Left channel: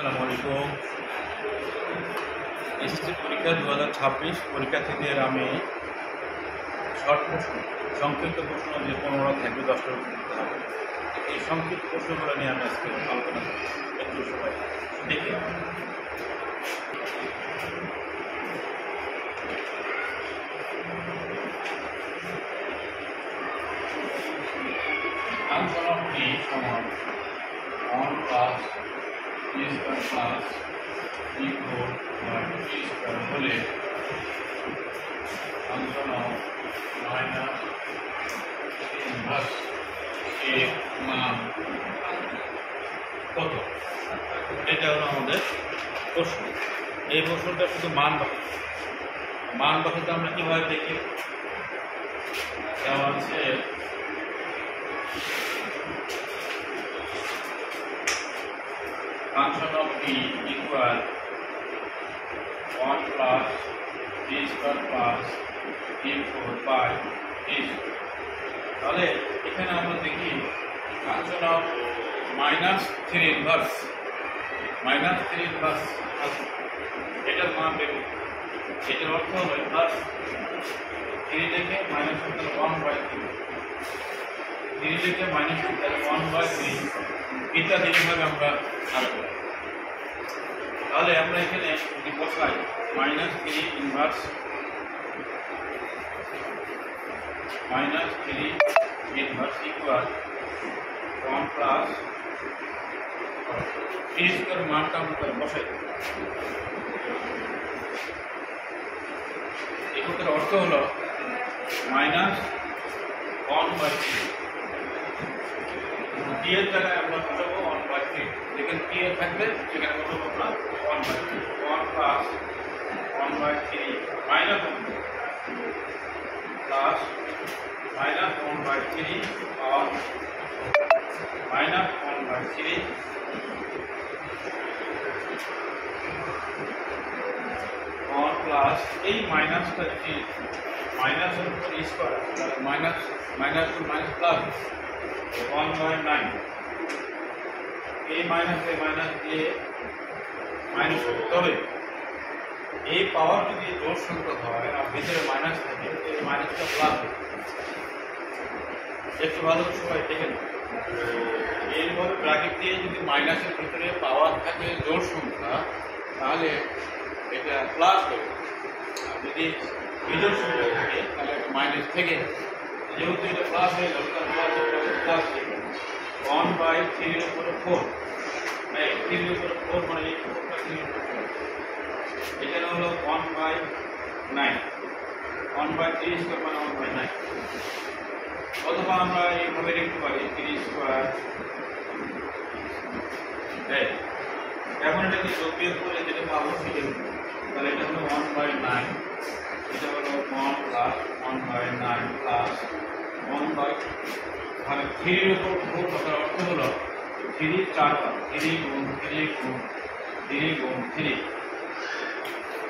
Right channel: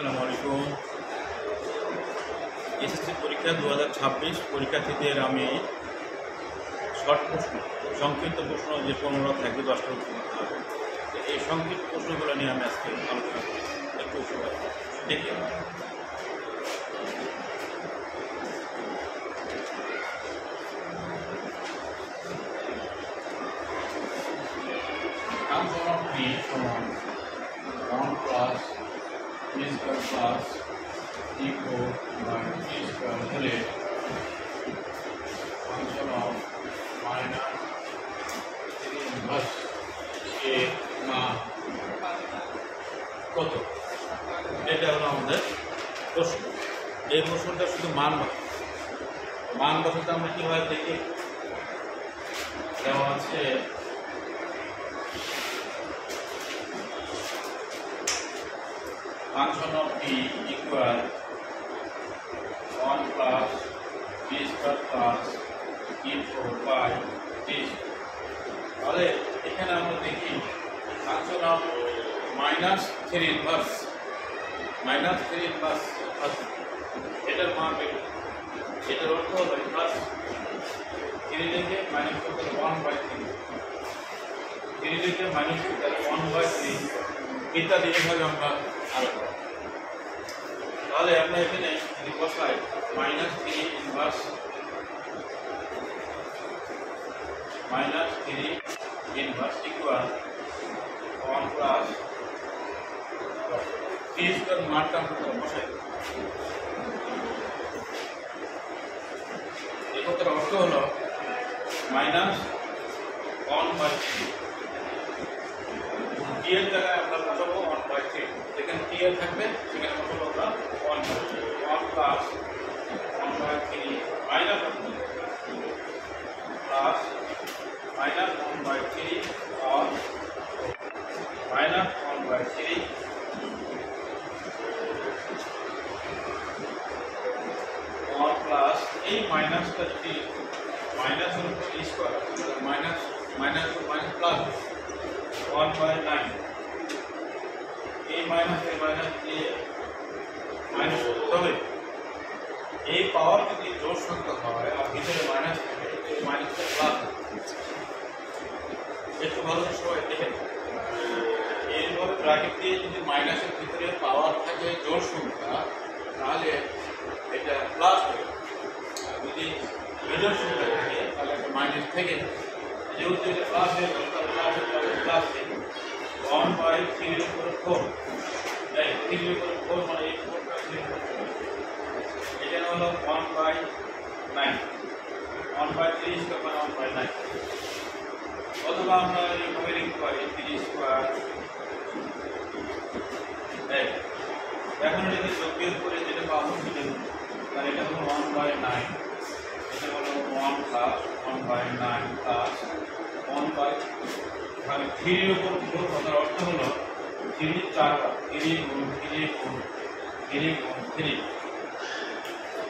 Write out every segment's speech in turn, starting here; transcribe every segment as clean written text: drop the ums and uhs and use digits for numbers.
আসসালামু আলাইকুম। এসএসসি পরীক্ষা 2026 পরীক্ষার্থীদের আমি শর্ট প্রশ্ন, সংক্ষিপ্ত প্রশ্ন যে 15টা থাকবে 10টা উত্তর দিতে হবে। এই সংক্ষিপ্ত প্রশ্নগুলো নিয়ে আমি আজকে আলোচনা করব। একটু সবাই দেখে ফাংশন অফ t সমান 1 plus t square plus t4 by t square হলে ফাংশন অফ মাইনাস ইনভার্স এর মান কত? এটা হলো আমাদের প্রশ্ন। এই প্রশ্নটা শুধু মান বসাতে আমরা কীভাবে দেখি? দেওয়া আছে function of t equal 1 plus t square plus t4 by t square। তাহলে এখানে আমরা দেখি function of minus 3 inverse এটার মান বের করি। এটার অর্থ হলো ইনভার্স 3 থেকে মাইনাস করতে 1/3, 3 থেকে মাইনাস করতে 1/3 ইত্যাদি এভাবে আমরা আঁকবো। তাহলে আমরা এখানে যদি বসাই -3 inverse equal 1 plus t square মানটা আমরা তাহলে বসাই। এটার অর্থ হলো -1/3, t এর জায়গায় আমরা বসাবো 1/3, যেখানে t এর থাকবে সেখানে বসাবো আমরা 1/3, 1 প্লাস 1/3 মাইনাস 1 প্লাস -1/3 আর -1/3 1 প্লাস এই মাইনাসটা যদি মাইনাসের উপর স্কয়ার আছে তাহলে মাইনাস প্লাস 1/9, এই মাইনাস দিয়ে মাইনাস করতে হবে। এই পাওয়ার যদি জোড় সংখ্যা হয় আর ভিতরে মাইনাস থাকে এই মাইনাসটা প্লাস একটু ভালো সবাই দেখেন। এরপরে ব্র্যাকেট দিয়ে যদি মাইনাসের ভিতরে পাওয়ার থাকে জোড় সংখ্যা তাহলে এটা প্লাস হবে, আর যদি বিজোড় সংখ্যা থাকে তাহলে মাইনাস থেকে যেহেতু এটা প্লাস হয়ে গেল প্লাস থেকে 1/3 এর উপরে 4, এই 3 এর উপরে 4 মানে এই 4টা 3 এর উপরে চলে আসবে। এখানে হলো 1/9, 1/3 স্কয়ার মানে 1/9। অথবা আমরা এইভাবে লিখতে পারি 3 স্কয়ার। এখন এটাকে যোগের করে যেটা পাবো সেটা তাহলে এটা হলো 1/9, এটা হলো 1 প্লাস 1/9 প্লাস 1/, মানে 3 এর উপর 4 কথার অর্থ হলো 3 4বার, 3 গুণ 3 গুণ 3 গুণ 3।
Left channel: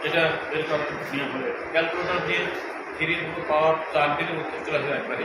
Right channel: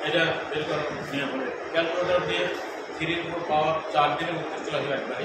এটা বের করার নিয়ম হলে ক্যালকুলেটর দিয়ে 3 এর উপর পাওয়ার 4 দিলে উত্তর চলে আসবে একবারে।